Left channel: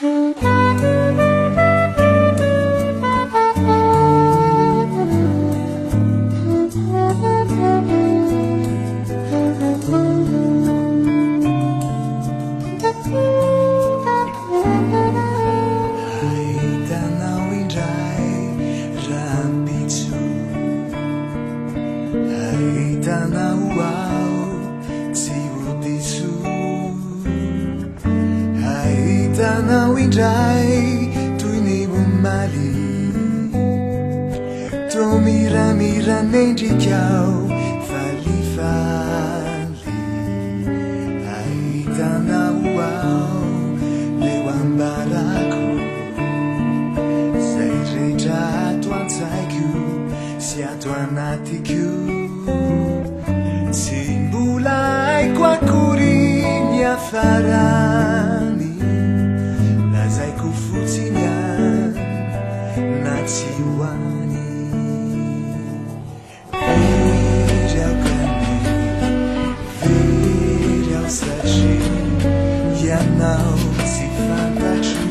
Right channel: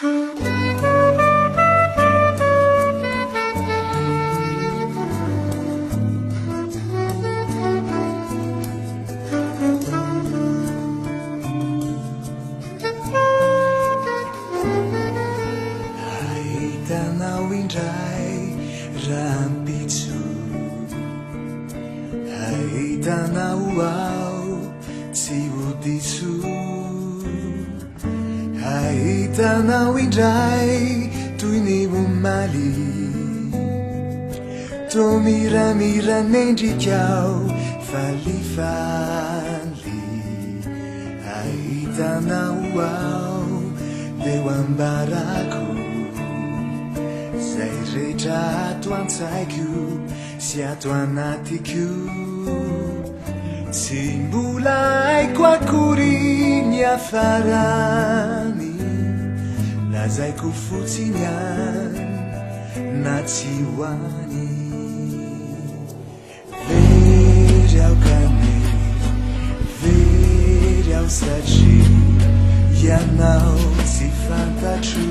Hitanao indray rahampitso, hitanao ao tsy ho diso, hitanao indray toy ny omaly, toa miramiranaendrikao falifaly, hitanao ao leo ambarako zay rehetra ato an-tsaiko sy ato anatiko, tsy mbola haiko akory ny hafarany, lazaiko fotsiny any na tsy hoany. Very aho kane, very aho satria ianao tsy fantatro,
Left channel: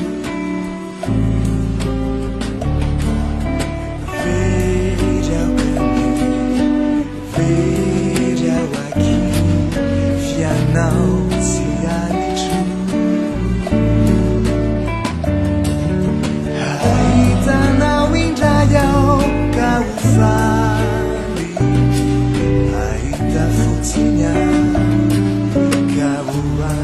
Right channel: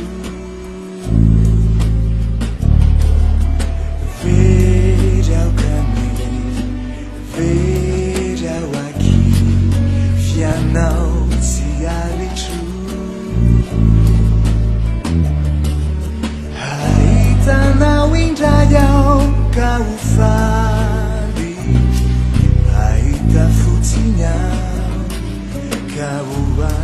very aho kane, very aho aky fianao tsy alitro, hitanao indray aho ka ho faly, hahita fotsiny aho ka ho any.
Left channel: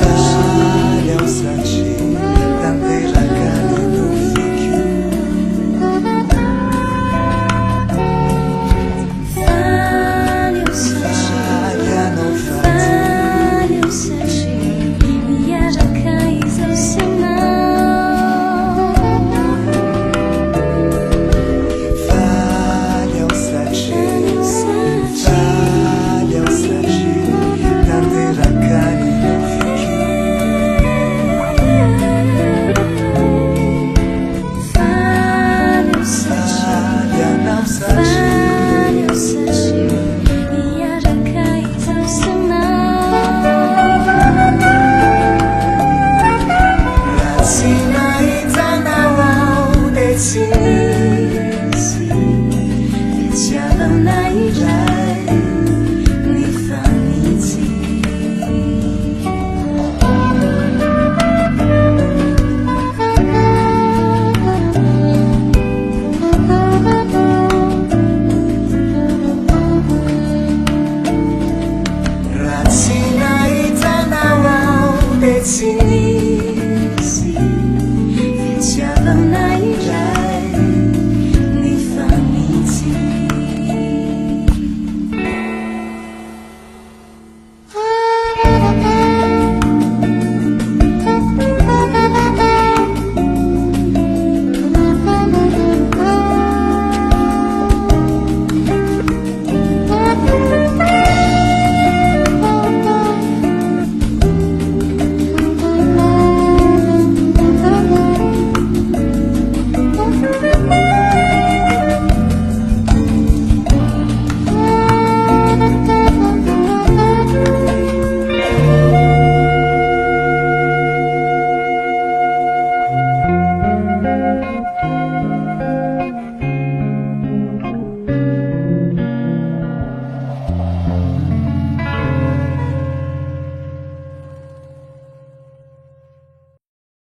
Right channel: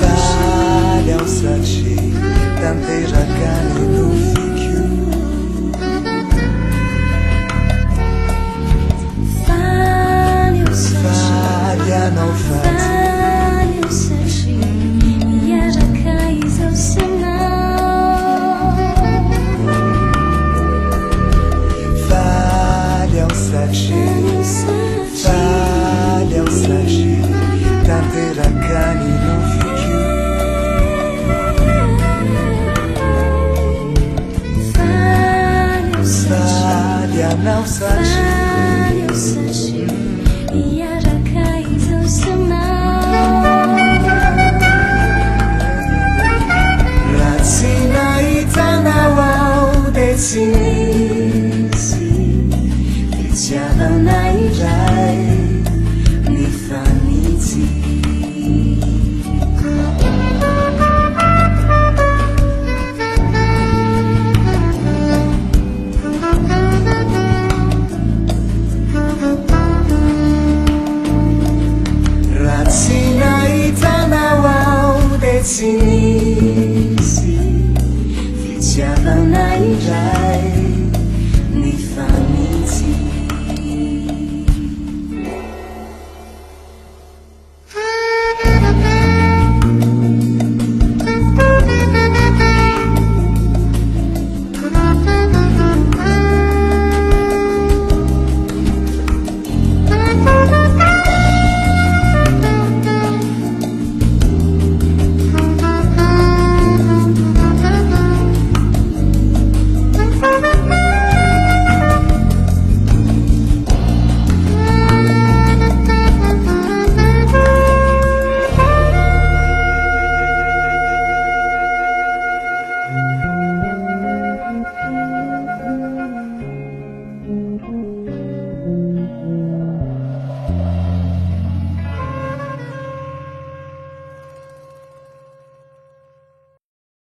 Faly aho satria tanterakany